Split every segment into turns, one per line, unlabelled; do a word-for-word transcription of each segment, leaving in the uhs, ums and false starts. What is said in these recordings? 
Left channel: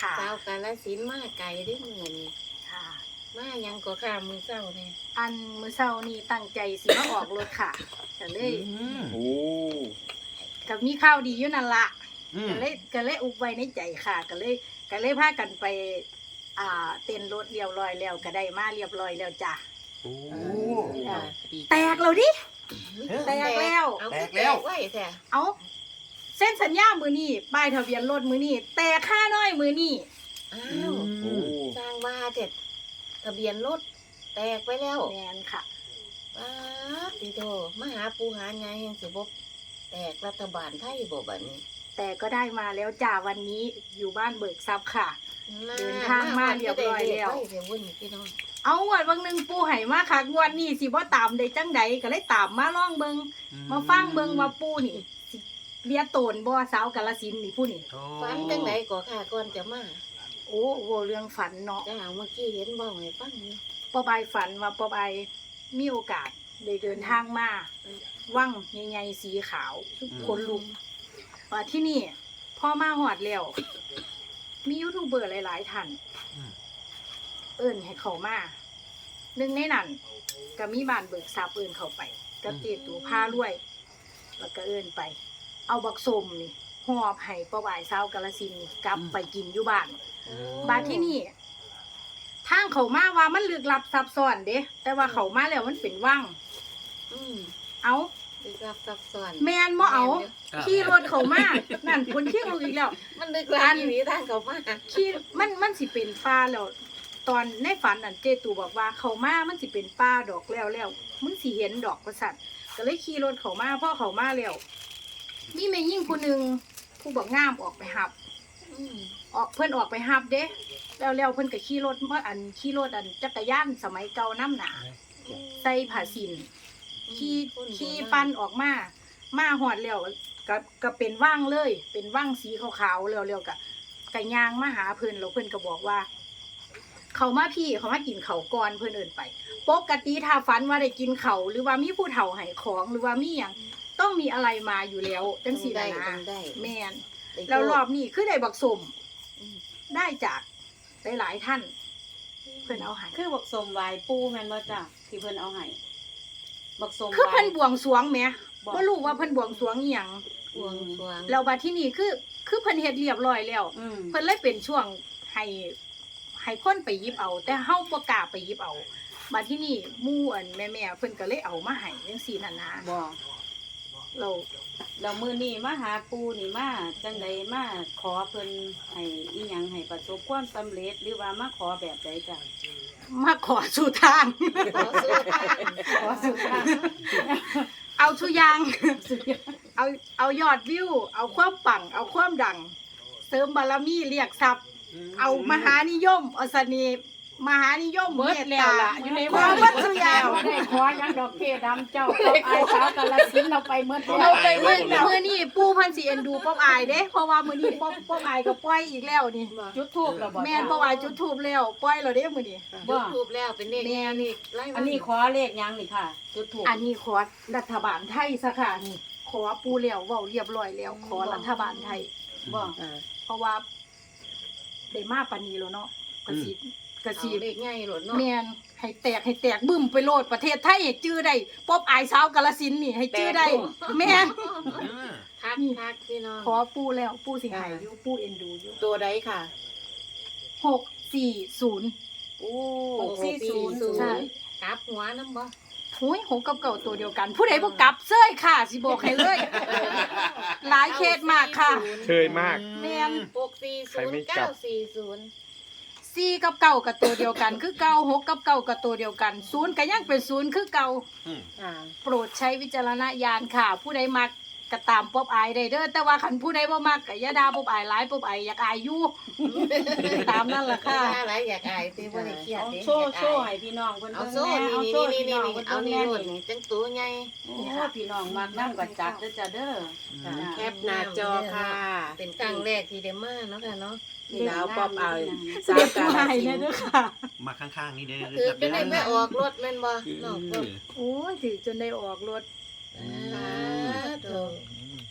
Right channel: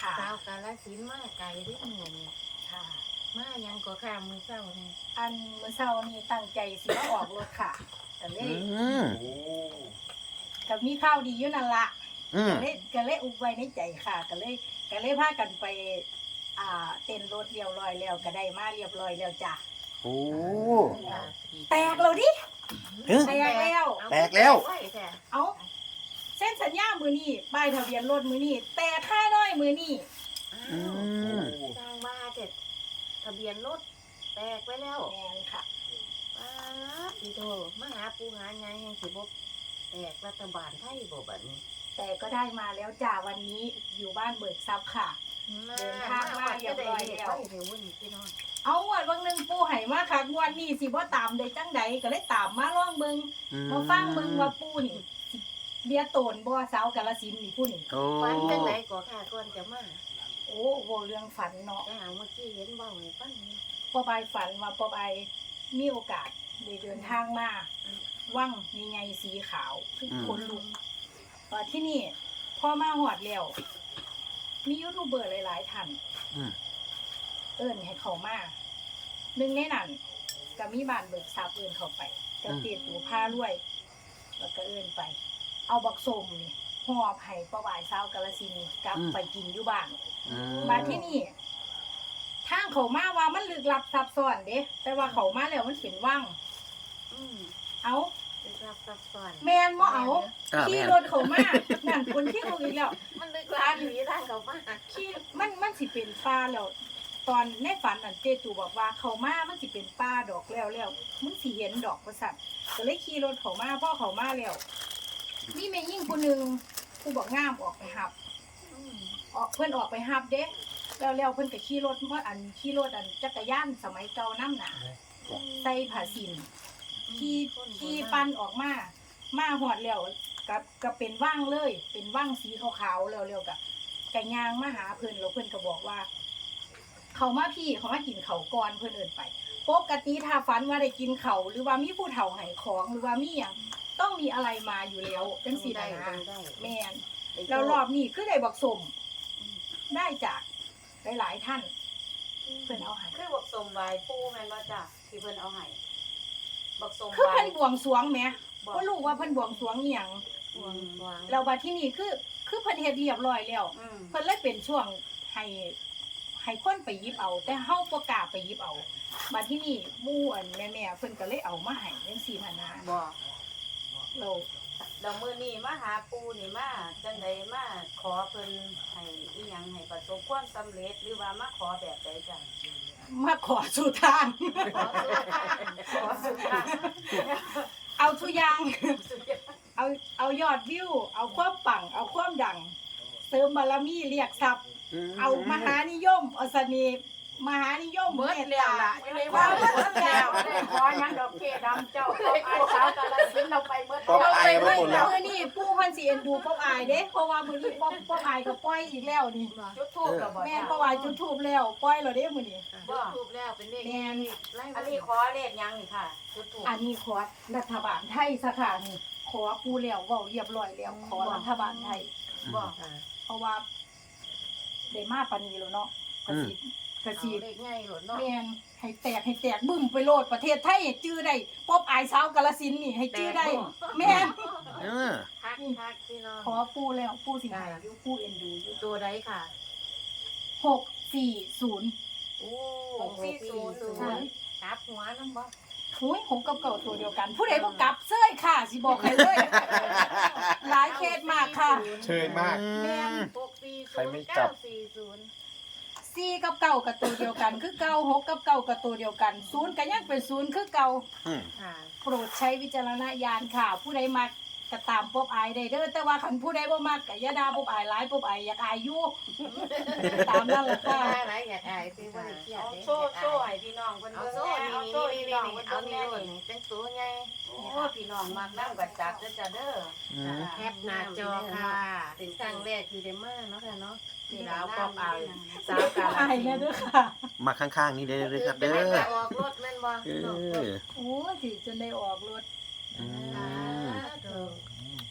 ค่ะ
ชาวกาฬสินธุ์มาไกลได้อมื้อนี้
ค่ะ
มายังก็ข้ามมือเจ้านี่
อันมื้อเช้านี่ตั้งใจสิมาออกรถค่ะก็เล
อื
ย
ม
โอ้
ก็มีข่าวดีอยู่นั่นละ
อืม
ก็เลยก็เลยอุบไว้ในใจค่ะก็เลยก็เลยพากันไป อ่าเต้นรถเรียบร้อยแล้วก็ได้มาเรียบร้อยแล้วจ้ะ
โอ้
จ้ะแตกแล้วดิ
เฮ้ย
แตกแล้ว
เอา
แตกแล้ว
ไว้แท้
เอาเส้นสัญญามือนี่ป้ายทะเบียนรถมือนี่แต่ค่าน้อยมือนี่
อ้า
อื
ว
โอ้
ม
สร้างว่าเด็ดทะเบียนรถแตกไปแล้ว
แมนค่ะ
ว้าดิโดมาหาปูหาไงแห่งสิบแตกรัฐบาลไทยบ่บัดนี้
แต่ก็ได้มาแล้วจ้าวันนี้อยู่บ้านเบิกทรัพย์ค่ะ เดินทางมาเรียบร้อยแล้ว
ไเดี๋ยววุ่นพี่น้อง
เอางวดวันหนึ่งปูไห่มาค่ะงวดนี้สิบ่ตามได้จังใดก็เลยตามมาล่องเบิงมาฟังเบิงว่าปูนี่สิเบียโตนบ่สาวกาฬสินธุ์นี่ผู้นี่
โอ้
ฝันจังไหนก่อค่ะก่อนจะมา
โอ้โหเรื่องฝันเนาะ
แต่หาเมื่อกี้เห็นเบ้าให้ฟังนี่
ป้าบายฝันว่าป้าบายมีโอกาสได้เดินทางมาว่างใหญ่ๆสีขาวคนลุกว่าที่นี่พ่อมาหอดแล้วมียูทูบเบอร์หลายๆท่าน
อืม
เอิ้นให้เขามาหนึ่งในนั้นก็มีบ้านเบิกทรัพย์เอิ้นเข้าไปกับเจตูผ้ารวย แล้วก็เอิ้นไป เอาบักสมนี่หอบให้ป้าบายสาวกาฬสินธุ์กลับไปกินอยู่บ้าน
อืม
บาดที่นี่ทางเขามาว่ามันลึกลับซับซ้อนเด้แต่ว่าเขามาแล้วมันเป็นว่าง
อืม
เอา
ลึกลับซับซ้อน
แมนบ่เอา
อ่ะ
ขี่รถเขามานั่นคนเที่ยงลูกอีกแล้ว
มันลึกลับอยู่นี่ทางเขามา
ขี่มันมันสิเป็นป่าแล้วตอนในฝันอันเจตูบอกว่าเขามามันสิเป็นป่าดอกแล้วแล้วมึงสิเห็นดอกประสัตว์ก็เลยขี่รถเขามาพ่อเขามาแล้วมีแม่ยิ่งผู้หนึงผู้บอกงามออกไปหับ
อืม
ออกเพื่อนออกไปหับเด้แล้วแล้วเพื่อนก็ขี่รถเมื่ออันขี่รถอันจักรยานสมัยเก่าน้ำหนาใส่ผ้าสินขี่ขี่ปั้นออกมามาหอดแล้วก็ก็เป็นว่างเลย เป็นว่างสีขาวๆแล้วแล้วก็กะยางมาหาเพื่อนแล้วเพื่อนก็บอกว่า เขามาพี่เขามากินเขาวก่อนเพื่อนเอินไปปกติถ้าฝันว่าได้กินเขาวหรือว่ามีผู้เฒ่าให้ของหรือว่ามีอย่างต้องมีอะไรมาอยู่แล้วจังสีนะนะ
ได้
แมน แล้วรอบนี้คือได้บักสมได้จากหลายๆท่าน เพิ่นเอาให้
คือบักสมไหวปูแม่นบ่จ้ะที่เพิ่นเอาให้บักสม
คือเพิ่น
ไหว้
บวงสรวงแหมบ่รู้ว่าเพิ่นบวงสรวงอีหยัง
บวงสรวง
แล้วบัดที่นี่คือคือเพิ่นเฮ็ดเรียบร้อยแล้ว
อืม
เพิ่นเลยเป็นช่วงให้ให้คนไปหยิบเอา แต่เฮาบ่กล้าไปหยิบเอาบัดที่นี่หมู่อันแม่ๆเพิ่นก็เลยเอามาให้จังซี่น่ะนะ
บ่
เรา
แล้วมื้อนี้มาหาปูนี่มาจังไดมาขอเพิ่นให้อีหยังให้ประสบความสำเร็จหรือว่ามาขอแบบใดจ้ะ
มาขอสู่ทาง
ขอสู้ทาง
ขอสุดท้าย
เอาทุกอย่าง
สุดยอด
เอาเอายอดวิว เอาความปัง เอาความดัง เสริมบารมีเรียกทรัพย์ เอามหานิยมเอาเสน่ห์มหานิยมเมตตาความวัตถุยาง
บ่ได้ขอหยังดอกเทดำเจ้าเอาไอ้สาวกาฬสินธุ์เราไปเมื่อ
ป๊อป
เรา
อาย
ไป
ไว้
เมื่อ
หมดแล้ว
เมื่อนี่ปู่พันสีเอ็นดูป๊อบอายเด้เพราะว่ามื้อนี้ป๊อบป๊อบอายก็ปล่อยอีกแล้วนี่
จุดธูปแล้วบ่
แม่นป๊อบอายจุดธูปแล้วปล่อยแล้วเด้มื้อนี้
จุดทูบแล้วเป็นเลข
แม่นี่
ไล่
อันนี้ขอเลขหยังนี่ค่ะ จุดธูป
อันนี้ขอรัฐบาลไทยซะค่ะนี่ขอปู่แล้วเว้าเรียบร้อยแล้ว ขอรัฐบาลไทย
บ่
อ่า
เพราะว่าได้มาปานนี้แล้วเนาะก็สิก็
เอา
สิ
เลขง่ายโหลดเนาะ
แม่นให้แตกให้แตกบึ้มไปโลดประเทศไทยให้จื้อได้ป๊อบอายสาวกาฬสินธุ์นี่ให้จื้อได้ แม่น
เออ
ทักทักพี่น้อง
ขอปู่แล้วปู่สิให้อยู่ปู่เอ็นดูอยู่
ตัวใดค่ะ
หกสี่ศูนย์
โอ้
หกสี่ศูนย์
ใช่
กลับหัวน้ำบ่
หุยหกกับเก่าตัวเดียวกัน ผู้ใดบ่กลับเซ้ยค่ะ สิบอกให้เลย หลายเคสมากค่ะ
เชยมาก
แม่น
หกสี่
ใคร
ศูน
ไม่
ย์
กลั
เก้า
บ
สี่ศูนย์
สี่กับเก่ากับตัวเดียวกัน คือเก่าหกกับเก่ากับตัวเดียวกันศูนย์ก็ยังเป็นศูนย์คือเก่า
อืม
ค่ะ
โปรดใช้วิจารณญาณค่ะ ผู้ใดมักก็ตามป๊อบอายได้เด้อแต่ว่าคันผู้ใดบ่มักก็อย่าด่าป๊อบอายหลายป๊อบอายอยากอายอยู่ ตามนั่นแหละค่ะ
อะไรอยากอายตีว่าได้เครียด
เอา
เด้
โชว์
อยาก
โช
อาย
ว์ให้พี่น้องเพิ่น
เอา
เบิ่ง
โซ่
แน่
นี่
เอา
นี่
โชว์
นี่
ให้
นี่
พี่น้อง
นี่
เพิ่น
เอา
เบิ่ง
นี่
แน่
โหลด
นี่
นี่จังตัวไง
โอ้พี่น้องมักนั่งบัดจับเด้อจ้ะเด้อ
อืม
จ้ะ
แคปหน้าจอค่ะ เป็นครั้งแรกที่ได้มาเนาะค่ะเนาะ
ดาวป๊อปอาย
เรียกผู้ให้แน่เด้อค่ะ
มาข้างๆนี่ได้เลย
คื
ค
อ
รับ
เป็
เด้
น
อ
ได้ไปออกรถแม่นบ่
เอ
เนาะ
อ
โอ้ยถือจนได้ออกรถ
อื
สาม ธุ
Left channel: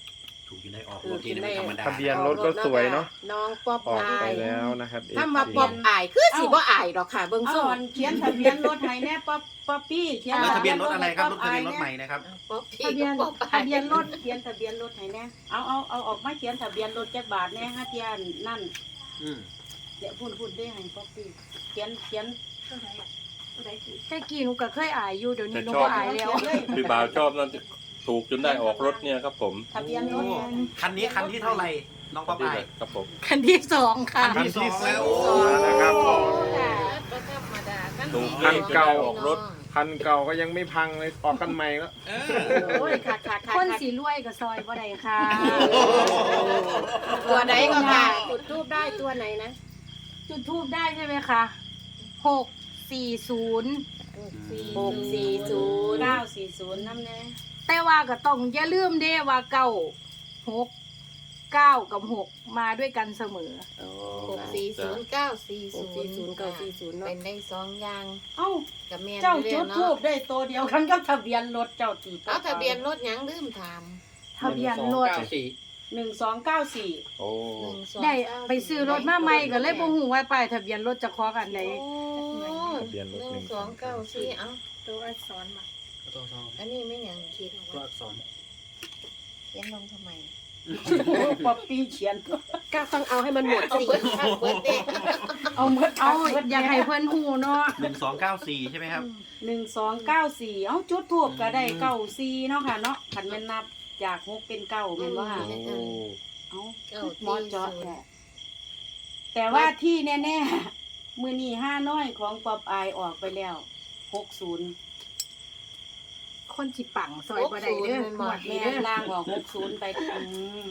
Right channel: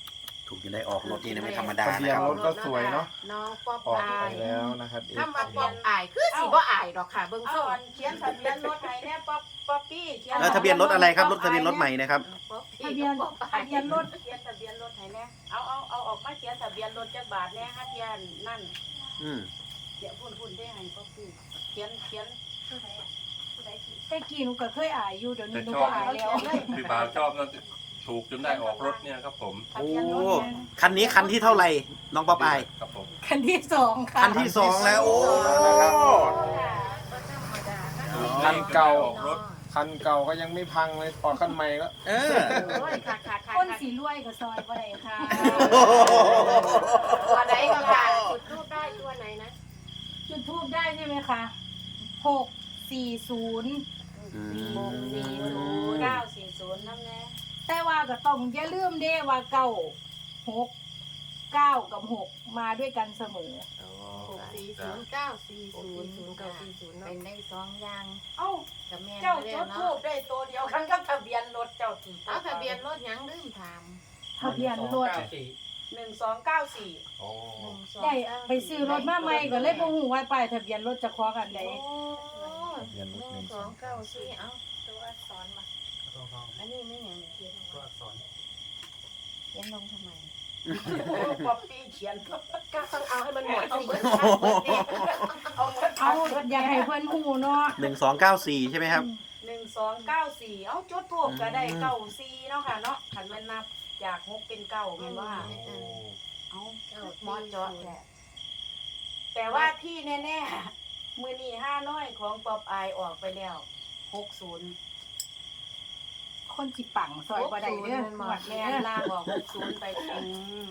ถูกจะได้ออกรถนี่นะไม่ธรรมดา
ทะเบียนรถก็สวยเนาะ
น้องป๊อป
ออกไปแล้วนะครับ
ถ้ามา
เอฟซี
ป๊อปอายคือสิบ่อายดอกค่ะเบิ่ง
เอา
ส่ง
อันเขียนทะเบียนรถให้แน่ป๊อปป๊อปปี้เขียน
เออทะเบียนรถอะไรครับรถทะเบียนรถใหม่นะครับ
ป๊อปพี่
ทะเบียน
ป๊อปอาย
ทะเบียนรถ
เขียนทะเบียนรถให้แน่เอาเอาเอาออกมาเขียนทะเบียนรถจักบาทแน่ห้าเทียนนั่น
อืม
เดี๋ยวพูดพูดได้ให้ป๊อปปี้เขียนเขียนเท่าไหร่อะเท่าไหร่สิ
แต่กี้หนูก็เคยอายอยู่เดี๋ยวนี้หนูก็อายแล้ว
พี่บ่าวชอบนั่นถูกจนได้ออกรถเนี่ยครับผม
ทะเบียนรถ
โอ้คันนี้คันที่เท่าไหร่น้องป๊อปอาย
ครับผม
คันที่สองค่ะ
คันที่สองแล้วโอ้
นะครับ
ถูก
คันเก่า
ออกรถ
คันเก่าก็ยังไม่พังเลยออกคันใหม่แล้ว
เออ
โอ้ยค่ะค่ะค่ะ
คนสีรวยกับซอยบ่ได้ค่ะ
ตัวไหนก็ค่ะจุดทูบได้ตัวไหนนะ
จุดทูบได้ใช่ไหมคะหกสี่ศูนย์
หกสี่ศูนย์
เก้าสี่ศูนย์น้ำแน่
แต่ว่าก็ต้องอย่าลืมเด้ว่าเก้าหกเก้ากับหกมาด้วยกันเสมอ
หกสี่ศูนย์เก้าสี่ศูนย์เก้าสี่ศูนย์เป็นได้สองอย่าง
เอ้า
กับแม่น
เจ้า
เรี
จุ
ย
ด
น
ทู
เนาะ
บได้ตัวเดียวกันกับทะเบียนรถเจ้าตี
เอาทะเบียนรถหยังลืมถาม
ทะเบียนรถ
หนึ่งสองเก้าสี่
โอ้
หนึ่งสอง
ได้ไปซื้อรถมาใหม่ก็เลยบ่ฮู้ว่าป้ายทะเบียนรถจะคล้องกันใด
โอ้
ทะเบียนรถ
หนึ่งสองเก้าสี่เอ้า
ตัวอักษรมา
อันนี้ไม่หยังคิดว่าเขียนลงทำไม
ป๊อปปี้เขียน
ก็ต้องเอาให้มันหมดสิ
เอาเมื่อ
เอาอยากให้เพิ่นฮู้เนาะ
หนึ่งสองเก้าสี่ใช่ไหมครับ
หนึ่งสองเก้าสี่เอาจุดทูบก็ได้เก้าสี่เนาะค่ะเนาะขันแม่นนับจากหกเป็นเก้าเป็นว่า
โอ้
เอาหมอจอดแหละแต่ว่าที่แน่ๆมือนีห้าน้อยของป๊อปอายออกไปแล้วหกศูนย์
คนสิปังซอยบ่ได้เด้อหมวดนี้เด้อ
ล่างบอกหกศูนย์ไปอืม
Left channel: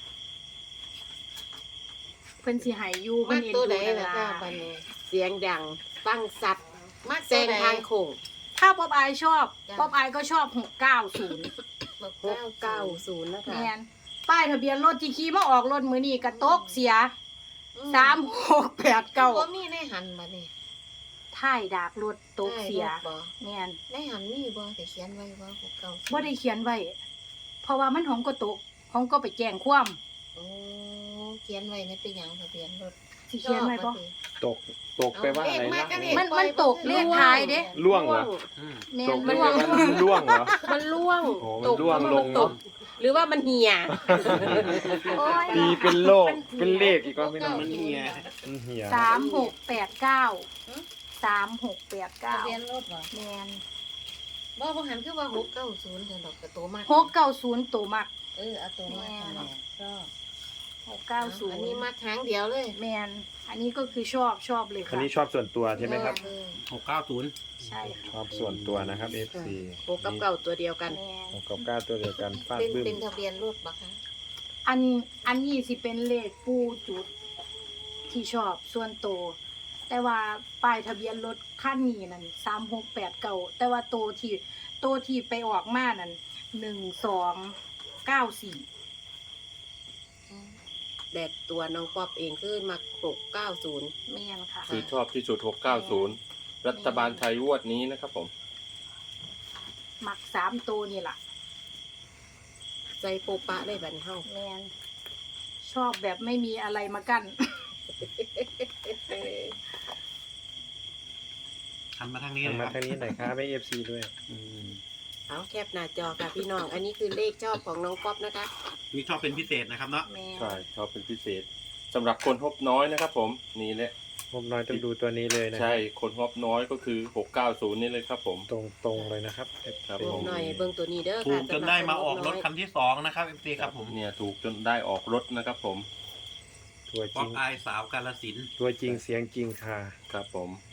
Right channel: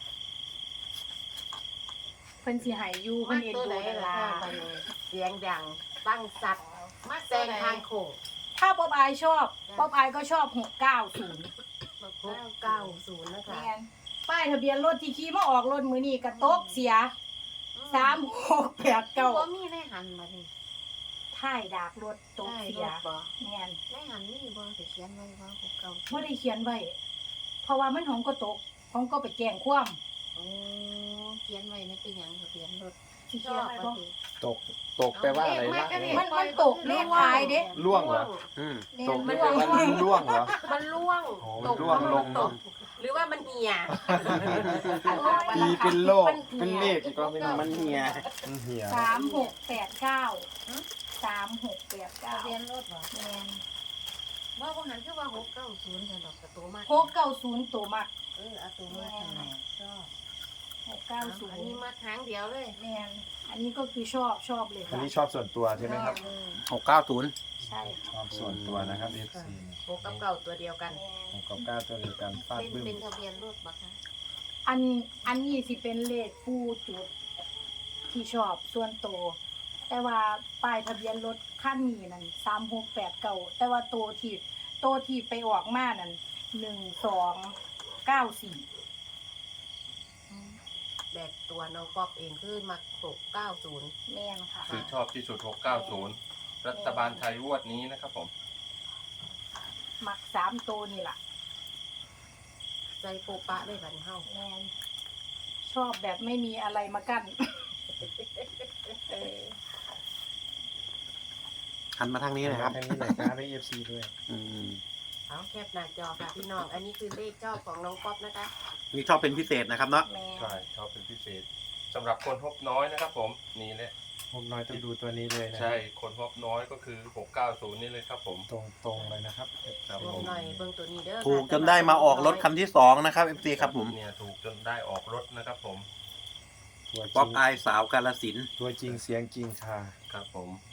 เพิ่นสิให้อยู่เพิ่นเอ็นดูนั่นล่ะ
เสียงดังฟังสัตว์มาแซงทางโค้ง
ถ้าป๊อบอายชอบป๊อบอายก็ชอบหกเก้าศูนย์
หกเก้าศูนย์นะคะ
แม่นป้ายทะเบียนรถที่ขี่มาออกรถมื้อนี้ก็ตกเสียสามหกแปดเก้า
บ่มีในหันบ่นี่
ท้ายดากรถตกเสีย
บ่
แม่น
ในหันมีบ่แต่เขียนไว้บ่หกเก้า
บ่ได้เขียนไว้ เพราะว่ามันของก็ตกของก็ไปแจ้งความ
โอ้เขียนไว้ในเป็นหยังทะเบียนรถ
สิเขียนไว้บ่
ตกตกไปว่าอะไรล่ะ
มันมันตกเลขท้ายเด้
ล่วงเหรอ
อืม
แม่
ต
น
กไป
ร่วง
ว่าล่วงเหรอ
มันล่วง
โอ้มันร่วงลงเนอะ
หรือว่ามันเหี่ย
โอ้ย
ตีเป็นโลกเป็นเลขอีกก็ไม่น้อง
มันเฮีย
มันเหี่ย
สามหกแปดเก้าสามหกแปดเก้า
ทะเบียนรถบ่
แม่น
บ่บ่หันคือว่าหกเก้าศูนย์เด้อดอกกระโตมาก
หกเก้าศูนย์ตัวมัก
เออเอาตัวมา
แม่น
ชอบ
หกเก้าศูน
อัน
ย์
นี้มาครั้งเดียวเลย
แมนอันนี้ก็คือชอบชอบเลย
อัน
ค่ะ
นี้ชอบส่วนตัวใช่ไหมครับ
เออ
หกเก้าศูนย์
ใช่ค่ะ
ชอบส่วนตัวนะครับ เอฟซี
หกกับเก้าตัวเดียวกัน
แมน
หกกับเก้าตัวเดียวกันฟาด
เป็น
บึ้ม
เป็นทะเบียนรถบ่คะ
อันอันนี้สิเป็นเลขปูจุดที่ชอบส่วนตัวแต่ว่าป้ายทะเบียนรถคันนี้นั่นสามหกแปดเก้าแต่ว่าตัวที่ตัวที่ไปออกมานั่นหนึ่งสองเก้าสี่
แดดตัวน้องป๊อปเองคือมักหกเก้าศูนย์
แมนค่ะ
คือชอบที่สุดหกเก้าศูนย์รัฐบาลไทยงวดนี้นะครับผม
มักสามตัวนี่ล่ะ
ใจโปะปะได้บัดนเฮา
แมนชอบแบบไม่มีอะไรมากั้น
หันมาทางนี้
หัน
นะค
มา
รับ
ทางนี้หน่อยครับให้เอฟซีด้วย
อืม
เอาแคปหน้าจอค่ะพี่น้อง อันนี้คือเลขชอบของน้องป๊อปนะคะ
นี่ชอบเป็นพิเศษนะครับเนาะ
แมน
ใช่ชอบเป็นพิเศษสำหรับคนฮอบน้อยนะครับผมนี่แหละ
ผมน้อยต้องดูตัวนี้เลยนะค
ใช่
รับ
คนฮอบน้อยก็คือหกเก้าศูนย์นี่เลยครับผม
ตรงตรงๆเลยนะครับ
ครับ
เอฟซี
ผม
หน่อยเบิ่งตัวนี้เด้อค่ะ
ถูกจนได้มาออกรถคันที่สองนะครับเอฟซีครับผม
เนี่ยถูกจนได้ออกรถนะครับผม
ตัวจ
ป๊อ
ริ
ป
ง
อายสาวกาลสินธุ์
ตัวจริงเสียงจริงค่ะ
ครับผม